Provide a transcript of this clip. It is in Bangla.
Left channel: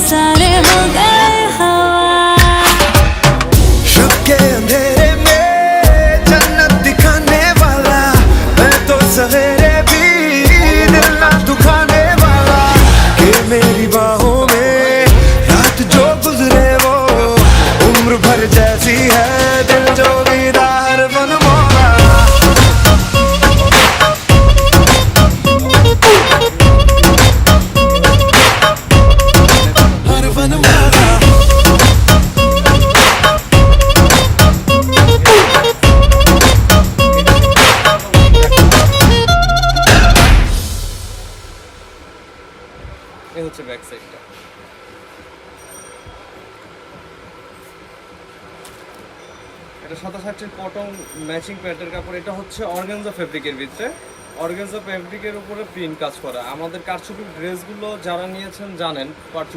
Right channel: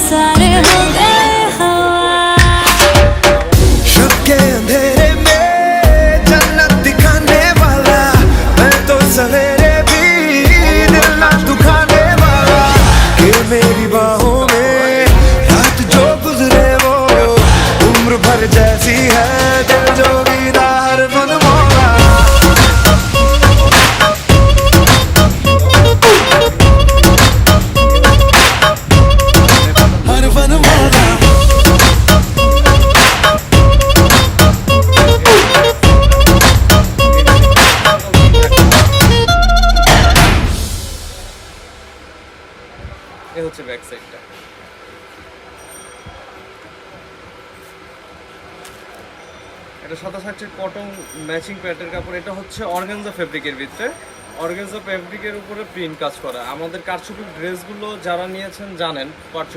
सारे हो गए हवा। शब के अंधेरे में जन्नत दिखाने वाला, मैं तो सवेरे भी दिल ना दुखाने वाला। कि मेरी बाहों में रात जो गुजरे वो उम्र भर जैसी है, दिल जोगीदा हर मन मौला। এ হচ্ছে ব্যাক সাইডটা। এটা 67 কটন ম্যাচিং প্যান্টের কাপড়। এটা হচ্ছে অর্গানজা ফেব্রিকের ভিতরে, অর্গানজা ফেব্রিকের উপরে প্রিন্ট কাজ করা। আমাদের কারচুপির ড্রেসগুলো যারা নিয়েছেন জানেন, কারচুপি